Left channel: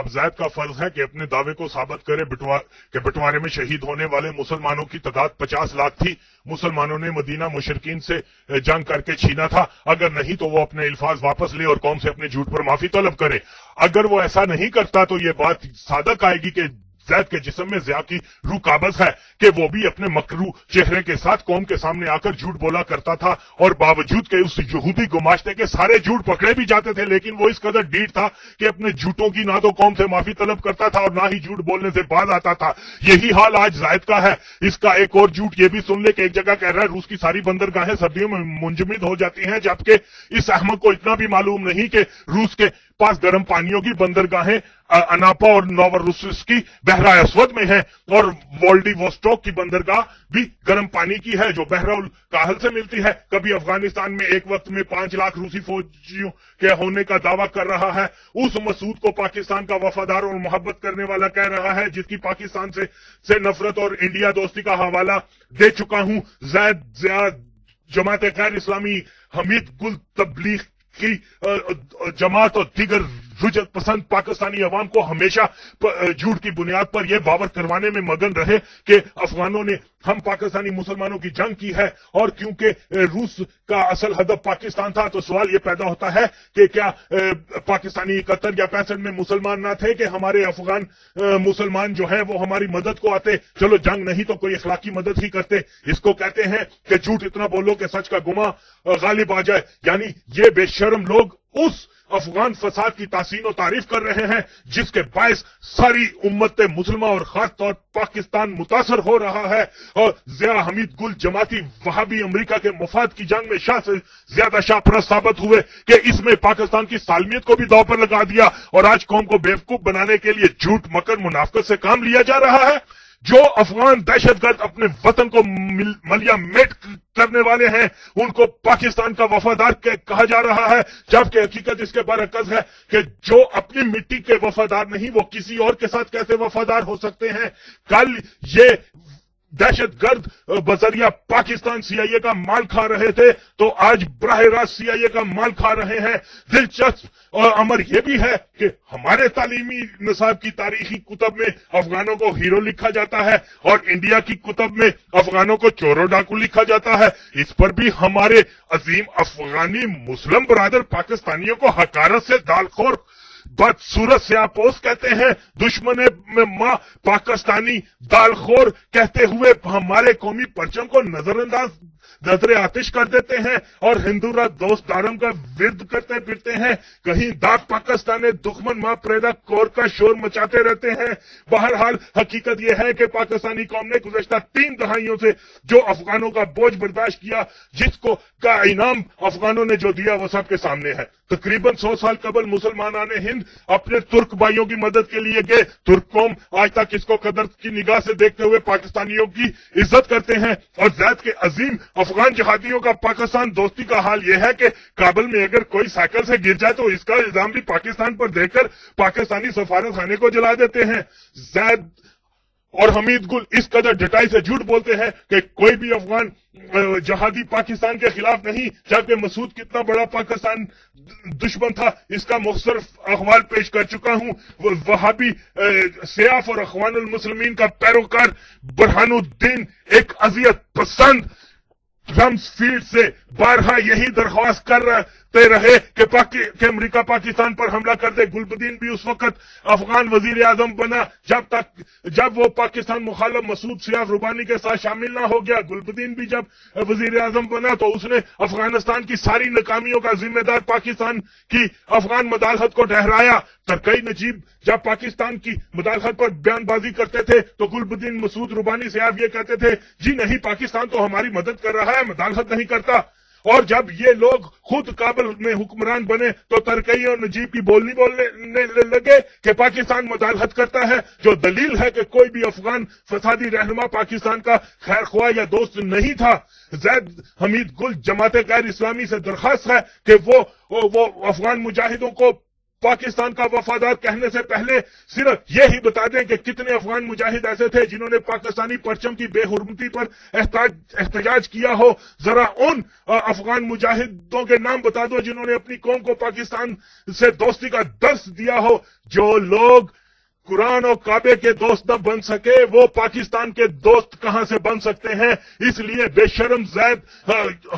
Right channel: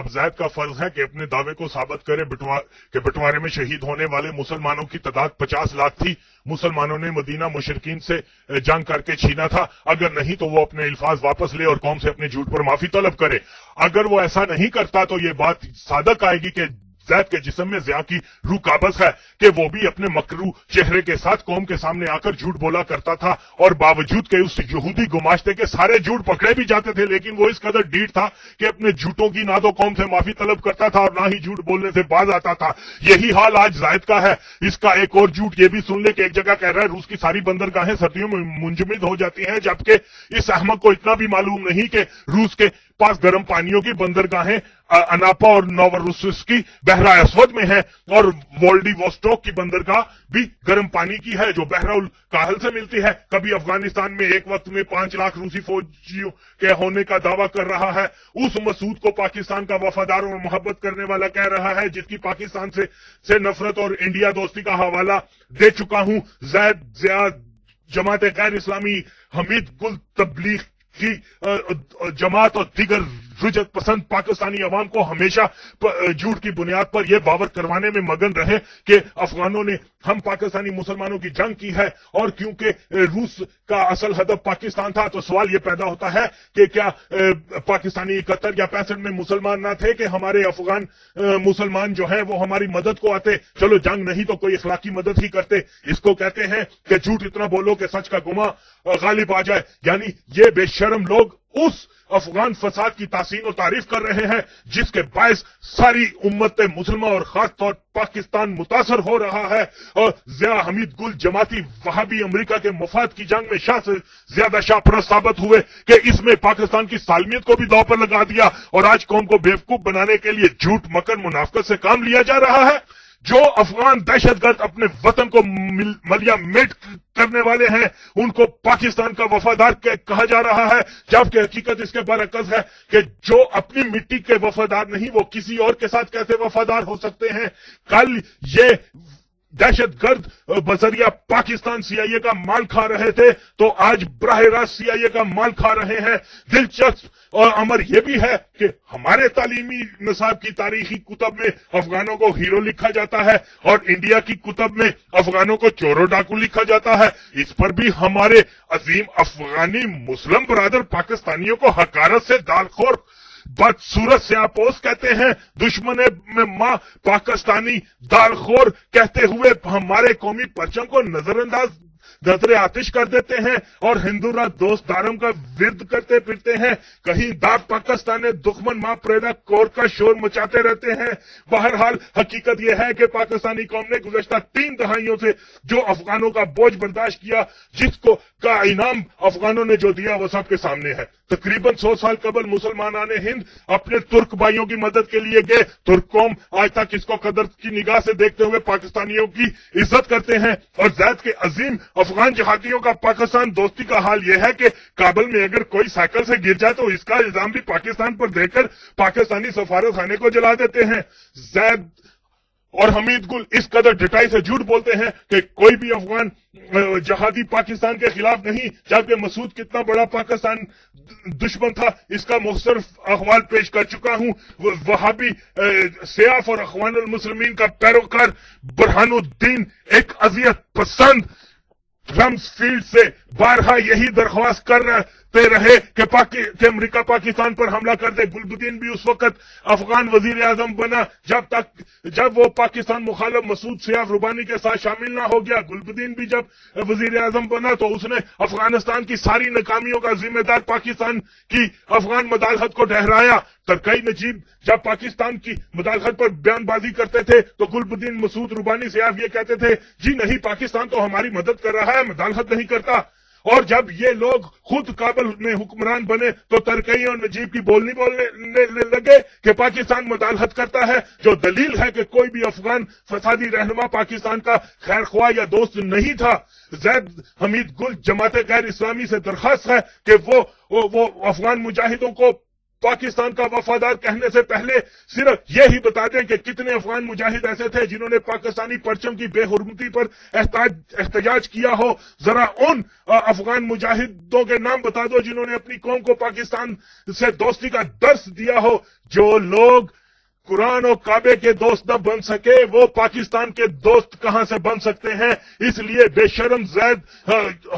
اب زید کا فرض ہے کہ اپنے دعوے کو ثابت کرے کہ بٹوارے میں شہید ہونے والے مسلمانوں کی تعداد 50 لاکھ تھی، مسلمانوں نے مدینہ مشرکین سے جنگ کر کے چھینا تھا، اگر نہیں تو وہ اپنے الفاظ واپس لے اور قوم سے اپنے جھوٹ پر معافی طلب کرے۔ اگر وہ ایسا نہیں کرتا تو یہ بات صادق آئے گی کہ زید کے جسم میں ضیاء کی روح قابض ہے کہ وہ بھی اپنے مکروہ چہرے کے ساتھ قوم کے سامنے آ کر جھوٹ بولا کرتا تھا، اور باوجود کہ اس یہودی گماشتے کے سارے جھوٹ پکڑے بھی جاتے تھے، لیکن وہ اس قدر ڈھیٹ تھا کہ اپنے جھوٹوں کی نہ تو قوم سے معافی طلب کرتا تھا اور نہ ہی جھوٹ بولنے سے باز آتا تھا۔ یہی حال آج زید کا ہے۔ اس کا ایک اور جھوٹ یہ بھی سن لے کہ ایک جگہ کہہ رہا ہے روس کی ساری بندرگاہیں سردیوں میں منجمد ہو جاتی ہیں، جبکہ اس احمق کو اتنا بھی معلوم نہیں کہ روس کے پاس گرم پانیوں کی بندرگاہیں اناپا اور نوروسسکی بحرہ اسود میں ہیں، اور وولڈی ووسٹوک کی بندرگاہ بھی گرم پانی کی ہے جو بحر الکاہل سے ملتی ہے۔ کبھی افغانستان میں ایک وقت میں 5 لاکھ روسی فوجیوں کے ہونے کا دعویٰ کر رہا ہے، اس مسعود کو پاکستان کا وفادار اور محبت کرنے والا کہہ رہا ہے، جس کی پاکستان سے نفرت اور انڈیا دوستی کا حوالہ دے چکا ہوں۔ زید جماعت غیر اسلامی، حمید گل تبلیغ کی جماعت اور دیگر رجعت پسند پاکستانی عوام کو ہمیشہ جھوٹ کی بنیاد پر یہ باور کروانے میں مگن رہے کہ افغانوں نے ہم پاکستانی مسلمانوں کی جنگ کی ہے، اور کیونکہ روس کا اصل ہدف پاکستان تھا تو سوال یہ پیدا ہوتا ہے کہ کیا پاکستانی 71 یا 65 میں مسلمان نہ تھے کہ ہمارے افغان مسلمان جو ہیں وہ ہماری مدد کو آتے؟ چلو جنگ نہیں تو کوئی اخلاقی مدد ہی کرتے۔ اس کو کہتے ہیں کہ جھوٹ اتنا بولو کہ سچ کا گما غالب آ جائے، یعنی یہ بے شرم لوگ اس افغان فساد کی تحسین و تعریف کر رہے ہیں جس کے باعث ساری امت مسلمہ اور خاص طور پاکستان متاثر ہو رہا ہے، اور ضیاء حمید گل جماعتی وہابی امریکہ کے مفاد کی جنگ میں شاہ سے زیادہ شاہ پرست ثابت ہوئے کہ اس میں پاکستان کی سالمیت کو بھی داؤ پر لگا دیا، اور آج قوم کو بیوقوف بنانے کے لیے جھوٹ مکر منافقت سے کام لیا جا رہا ہے۔ جو افغان دہشت گرد اپنے وطن کو ملیا میٹ کرنے والے ہیں ان کو پاکستان کا وفادار کہا جا رہا ہے، جبکہ حقیقت اس کے برعکس ہے کہ جو اپنی مٹی کے وفادار نہیں وہ کسی اور کے ساتھ کیسے وفادار ہو سکتے ہیں۔ کل یہ دہشت گرد بذریعہ پاکستان سی آئی اے کا مال کھا رہے تھے تو آج براہ راست سی آئی اے کا مال کھا رہے ہیں۔ دلچسپ اور امر یہ بھی ہے کہ ہمارے تعلیمی نصاب کی تاریخی کتب میں افغانوں کو ہیرو لکھا جاتا ہے اور انڈیا کی کتب میں افغانوں کو چورو ڈاکو لکھا جاتا ہے۔ اس پر بھی ہمارے عظیم افغانی مسلم برادر پاکستانیوں کو حقارت سے دالخور بدصورت سے آپوس کہتے ہیں، دشمن میں ماں پاکستانی دالخور کہتے ہوئے ہمارے قومی پرچم کو نظر آتش کر دیتے ہیں اور ہندو دوست داروں کا ورد کرتے پھرتے ہیں۔ کہیں داغ پاکستان دشمن ماں پریدا کور کا شور مچاتے رہتے ہیں۔ بہرحال حقیقت یہ ہے کہ پاکستانی قوم نے گزشتہ 3 دہائیوں سے جو افغانوں کا بوجھ برداشت کیا، جس کو کا انعام افغانوں نے جو دیا وہ سب کے سامنے ہے۔ تقریباً 100 سال قبل مسلمانان ہند اپنے ترک بھائیوں کی مدد کے لیے گئے۔ ترک قوم آج تک اس کو قدر کی نگاہ سے دیکھتے ہوئے پاکستانیوں کی عزت کرتے ہیں، اور زید کے عظیم افغان جہادیوں کا پاکستان دوستی کا حال یہ ہے کہ کابل میں اگر کوئی سائیکل سے گر جائے تو اس کا الزام بھی پاکستان پر دے کر پاکستانی سفارت خانے کو جلا دیتے ہیں۔ زید اور حمید گل اس قدر ڈٹائی سے جھوٹ بولتے ہیں کہ کوئی بھی افغان جہادی پاکستان کے خلاف نہیں، جبکہ مسعود کتنا بڑا پاکستان دشمن تھا اس کا مختصر احوال پیش کر چکا ہوں۔ وہابی سیاف اور اخوان المسلمین کا پیروکار برہان الدین ایک اذیت پسند رمز فیلڈ سے بارہا یہی درخواست کرتے رہے کہ امریکہ پاکستان پر حملہ کر دے۔ گلبدین بھی اس وقت افغان وزیر اعظم بنا جب وہ پاکستان مخالف مسعود سیاف ربانی کے ساتھ شامل نہ ہو گیا۔ گلبدین بھی جب وزیر اعظم بنا تو اس نے افغانستان کی ساری ناکامیوں کا ذمہ دار پاکستان کی افغان مداخلت کو ٹھہرایا۔ ترکی نجیب جب پاکستان کی مداخلت پر بیان بازی کرتے تھے تو گلبدین مسعود ربانی سیاف یہ کہتے تھے جی نہیں، پاکستان تو ہماری مدد کر رہا ہے، مداخلت نہیں کرتا۔ اور جب یہ لوگ خود کابل میں حکمران بنے تو ترکی اور نجیب کی بولنے لگے کہ پاکستان مداخلت کرتا ہے، جو دلیل ہے کہ کوئی بھی افغان فسادی رہنما پاکستان کا خیر خواہ یا دوست نہیں تھا۔ زید حمید گل جماعت غیر اسلامی سے درخواست ہے کہ وہ افغان مجاہدوں کو پاکستان کا وفادار کہنے سے پہلے صرف یہی بتا دیں کہ کتنے افغان مجاہد ایسے تھے جنہوں نے پاکستانی پرچم کی بے حرمتی پر احتجاج کیا ہو. ذرا ان افغان مجاہدوں کے نام بتا دو جنہوں نے اپنی قوم کو پاکستان سے دوستی کا درس دیا ہو. جو لوگ قرآن اور کعبے کے دوست نہ بن سکے وہ پاکستان کے دوست کہاں سے بن سکتے ہیں؟ اس لیے بے شرم زید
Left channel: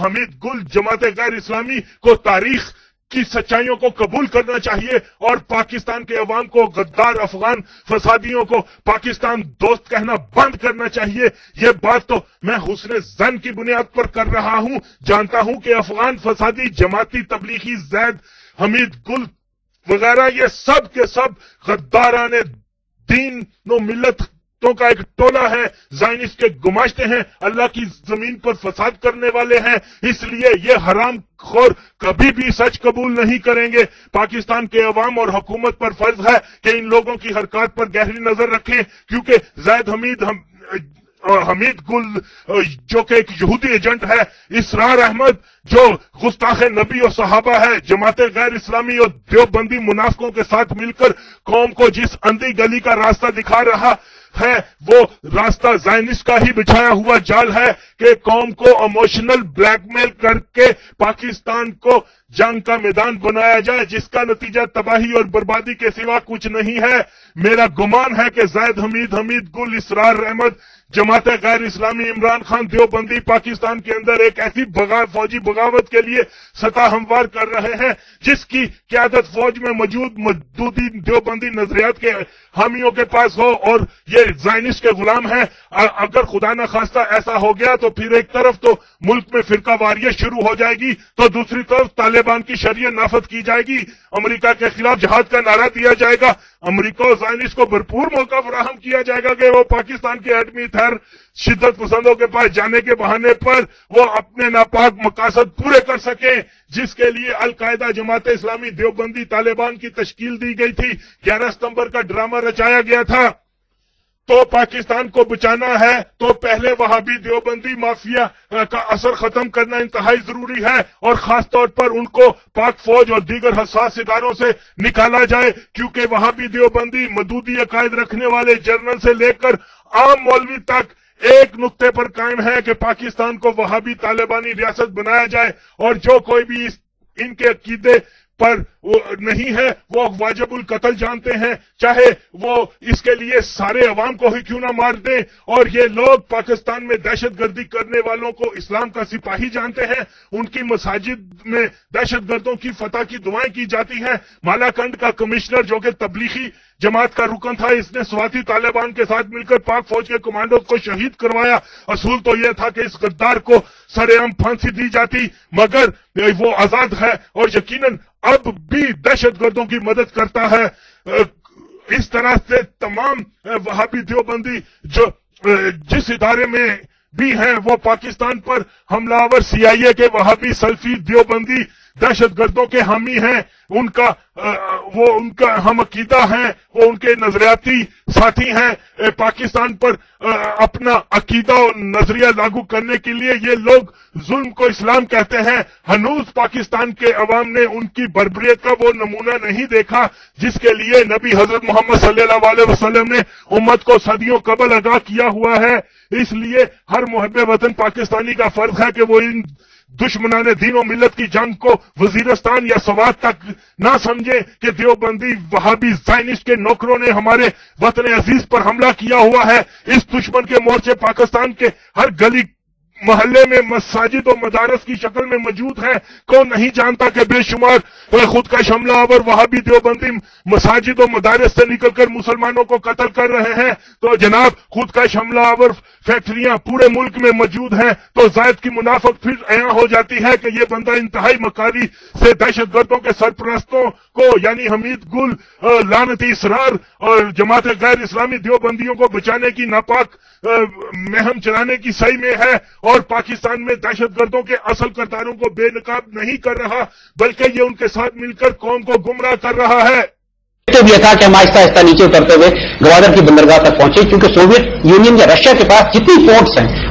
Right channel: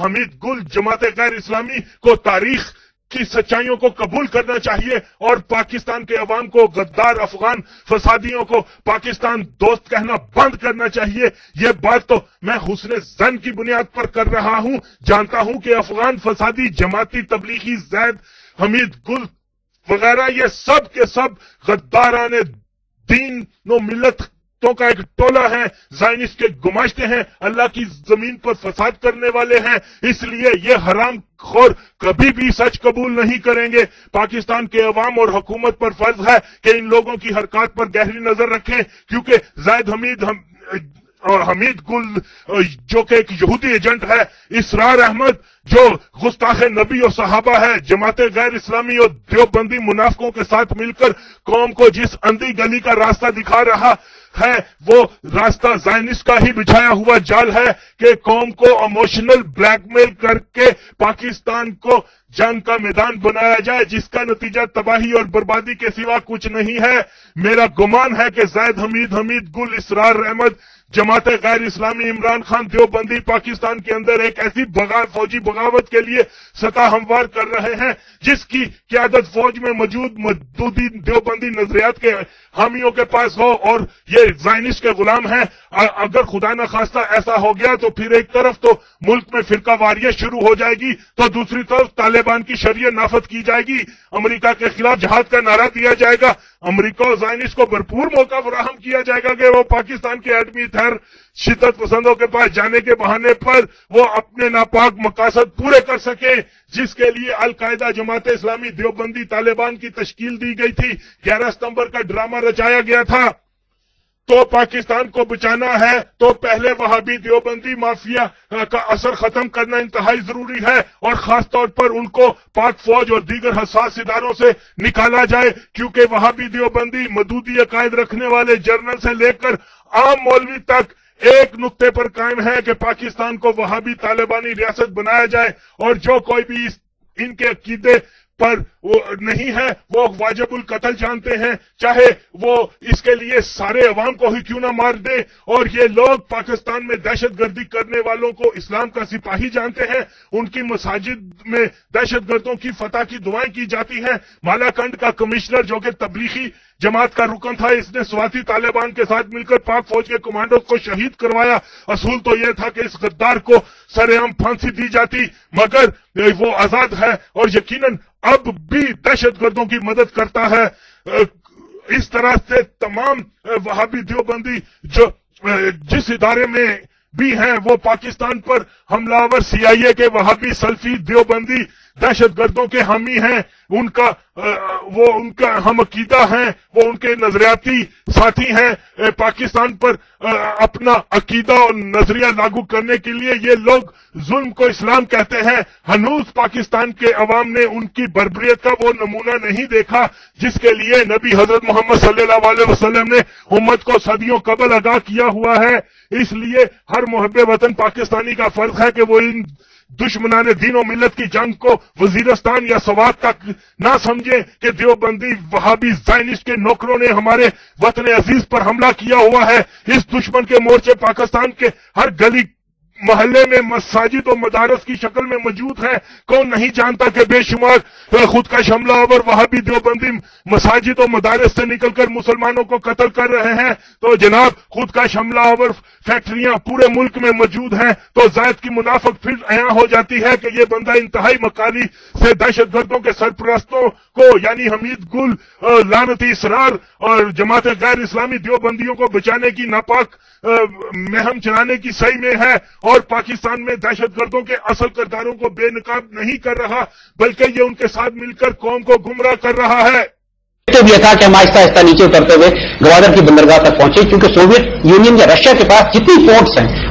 حمید گل جماعت غیر اسلامی کو تاریخ کی سچائیوں کو قبول کرنا چاہیے اور پاکستان کے عوام کو غدار افغان فسادیوں کو پاکستان دوست کہنا بند کرنا چاہیے. یہ بات تو میں حسن ظن کی بنیاد پر کر رہا ہوں. جانتا ہوں کہ افغان فسادی جماعتی تبلیغی زید حمید گل وغیرہ یہ سب کے سب غداران دین و ملتوں کا ایک ٹولہ ہے، زائنسٹ کے گماشتے ہیں، اللہ کی زمین پر فساد کرنے والے ہیں. اس لیے یہ حرام خور کبھی بھی سچ قبول نہیں کریں گے. پاکستان کے عوام اور حکومت پر فرض ہے کہ ان لوگوں کی حرکات پر گہری نظر رکھیں، کیونکہ زید حمید گل جو کہ ایک یہودی ایجنٹ ہے، اسرار احمد جو گستاخ نبی اور صحابہ ہے، جماعت غیر اسلامی اور دیوبندی منافقوں کے ساتھ مل کر قوم کو جس اندھی گلی کا راستہ دکھا رہا ہے وہ راستہ زائنسٹ کا ہی بچھایا ہوا جال ہے کہ قوم کو ایموشنل بلیک میل کر کے پاکستان کو جنگ کا میدان بنایا جائے، جس کا نتیجہ تباہی اور بربادی کے سوا کچھ نہیں ہے. میرا گمان ہے کہ زید حمید گل، اسرار احمد، جماعت غیر اسلامی، عمران خان دیوبندی پاکستان کے اندر ایک ایسی فوجی بغاوت کے لیے سطح ہموار کر رہے ہیں جس کی قیادت فوج میں موجود مودودی دیوبندی نظریات کے حامیوں کے پاس ہو اور یہ زائنسٹ کے غلام ہیں. اگر خدا نہ خواستہ ایسا ہو گیا تو پھر ایک طرف تو ملک میں فرقہ واریت شروع ہو جائے گی تو دوسری طرف طالبان کی شریعت نافذ کی جائے گی، امریکہ کے خلاف جہاد کا نعرہ دیا جائے گا، امریکہ اور زائنسٹ کو بھرپور موقع فراہم کیا جائے گا کہ وہ پاکستان کے ایٹمی ہتھیار شدت پسندوں کے پاس جانے کے بہانے پر وہ اپنے ناپاک مقاصد پورے کر سکیں جس کے لیے القاعدہ، جماعت اسلامی، دیوبندی، طالبان کی تشکیل دی گئی تھی. 11 ستمبر کا ڈرامہ رچایا گیا تھا. تو پاکستان کو بچانا ہے تو پہلے وہابی دیوبندی مافیا کا اثر ختم کرنا انتہائی ضروری ہے اور خاص طور پر ان کو پاک فوج اور دیگر حساس اداروں سے نکالا جائے، کیونکہ وہابی دیوبندی مودودی عقائد رکھنے والے جرنل سے لے کر عام مولوی تک ایک نقطے پر قائم ہے کہ پاکستان کو وہابی طالبانی ریاست بنایا جائے اور جو کوئی بھی ان کے عقیدے پر نہیں ہے وہ واجب القتل جانتے ہیں، چاہے وہ اس کے لیے سارے عوام کو ہی کیوں نہ مار دیں. اور یہ لوگ پاکستان میں دہشت گردی کرنے والوں کو اسلام کا سپاہی جانتے ہیں، ان کی مساجد میں دہشت گردوں کی فتح کی دعائیں کی جاتی ہیں. مالاکنڈ کا کمشنر جو کہ تبلیغی جماعت کا رکن تھا، اس نے سواتی طالبان کے ساتھ مل کر پاک فوج کے کمانڈوز کو شہید کروایا. اصول تو یہ تھا کہ اس غدار کو سر عام پھانسی دی جاتی، مگر وہ آزاد ہے اور یقیناً اب بھی دہشت گردوں کی مدد کرتا ہے. اس طرح سے تمام وہابی دیوبندی جو جس ادارے میں بھی ہیں وہ پاکستان پر حملہ آور CIA کے وہابی سلفی دیوبندی دہشت گردوں کے حامی ہیں، ان کا ہم عقیدہ ہیں، وہ ان کے نظریاتی ساتھی ہیں. پاکستان پر اپنا عقیدہ اور نظریہ لاگو کرنے کے لیے یہ لوگ ظلم کو اسلام کہتے ہیں. ہنوز پاکستان کے عوام نے ان کی بربریت کا وہ نمونہ نہیں دیکھا جس کے لیے نبی حضرت محمد صلی اللہ علیہ وسلم نے امت کو صدیوں قبل آگاہ کیا ہوا ہے. اس لیے ہر محب وطن پاکستانی کا فرض ہے کہ وہ ان دشمنان دین و ملت کی جنگ کو وزیرستان یا سوات تک نہ سمجھیں کہ دیوبندی وہابی زائنسٹ کے نوکروں نے ہمارے وطن عزیز پر حملہ کیا ہوا ہے. اس دشمن کے مورچے پاکستان کے ہر گلی محلے میں مساجد و مدارس کی شکل میں موجود ہے. کون نہیں جانتا کہ بے شمار خودکش حملہ آور وہابی دیوبندی مساجد و مدارس سے نکل کر مسلمانوں کو قتل کر رہے ہیں. تو جناب خودکش حملہ آور فیکٹریاں پورے ملک میں موجود ہیں تو ذات کی منافق پھر عیاں ہو جاتی ہے کہ یہ بندہ انتہائی مکاری سے دہشت گردوں کے سرپرستوں کو یعنی حمید گل، لعنتی اسرار اور جماعت غیر اسلامی دیوبندیوں کو بچانے کی ناپاک مہم چلانے کی صحیح میں ہے اور پاکستان میں دہشت گردوں کے اصل کرداروں کو بے نقاب نہیں کر رہا بلکہ یہ ان کے ساتھ مل کر قوم کو گمراہ کر رہا ہے. تو یہ تھا کہ ہم آہستہ آہستہ نیچے اترتے ہوئے گوادر کی بندرگاہ تک پہنچے کیونکہ سوویت یونین یا رشیا کے پاس جتنی پورٹس ہیں